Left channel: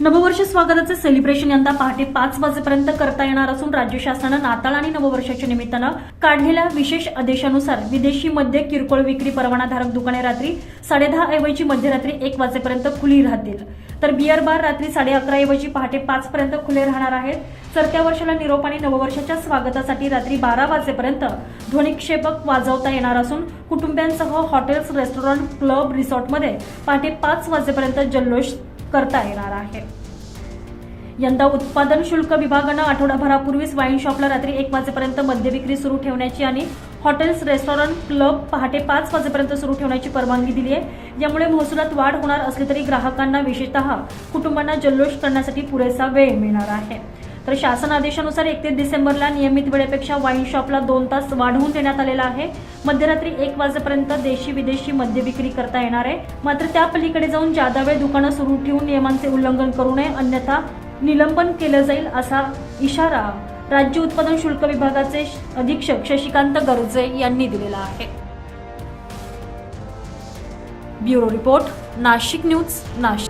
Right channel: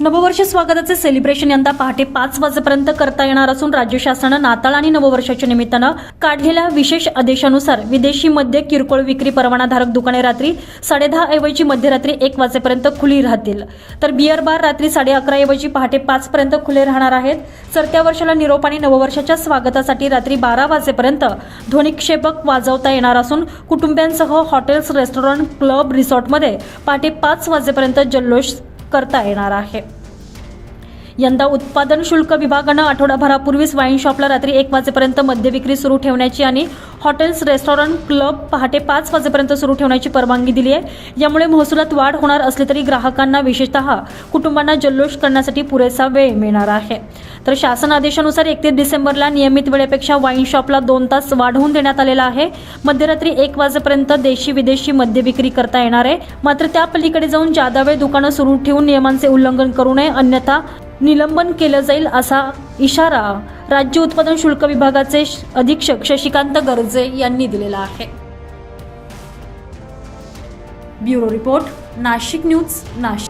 नववर्ष स्वागताचे सेलिब्रेशन यंदा पहाटे पाच वाजेपर्यंत करता येणार असून राज्य शासनानं नाताळ आणि नववर्षाच्या निमित्तानं काढलेल्या विशेष आदेशानुसार विदेशी मद्य किरकोळ विक्री परवानाधारक दुकाने रात्री साडेदहा ऐवजी मध्यरात्री एक वाजेपर्यंत खुली राहतील. तर बिअर बार रात्री साडे अकरा ऐवजी पहाटे पाच पर्यंत खुले राहणार आहेत. सरत्या वर्षाला निरोप आणि नववर्षाच्या स्वागतासाठी रात्री बारा वाजेपर्यंत ध्वनिक्षेपक वाजवता येणार असून कुटुंबियांसह हॉटेल्स रेस्टॉरंट क्लब रिसॉर्टमध्ये पहाटे पाच वाजेपर्यंत जल्लोष करता येणार आहे. यंदा उत्पादन शुल्क विभागानं आठवडाभरापूर्वीच वाईन शॉपला रात्री एक वाजेपर्यंत मद्य विक्री सुरू ठेवण्याची आणि हॉटेल्स रेस्टॉरंट क्लब पहाटे पाच वाजेपर्यंत सुरू ठेवण्याची परवानगी दिली आहे. यामुळे महसुलात वाढ होणार असली तरी ग्राहकांना विशेषतः कुटुंबांना जल्लोष करण्यासाठी पुरेसा वेळ मिळणार आहे. तर शासन आदेशानुसार एकतीस डिसेंबरला नियमित वेळेपेक्षा वाईन शॉपला दोन तास वाढवून देण्यात आलेला आहे. मध्यरात्री एक वाजेपर्यंत देशी विदेशी मद्य विक्री करता येणार आहे. मात्र त्या पलीकडे जाऊन जादा वेळ दुकानं सुरू ठेवून नियमांचे उल्लंघन करू नये अन्यथा निलंबन केलं जाईल असा इशारा राज्य उत्पादन शुल्क विभागाचे अधीक्षक शशिकांत गर्जे यांनी दिलेला आहे. Bureau report Nashik news Nashik.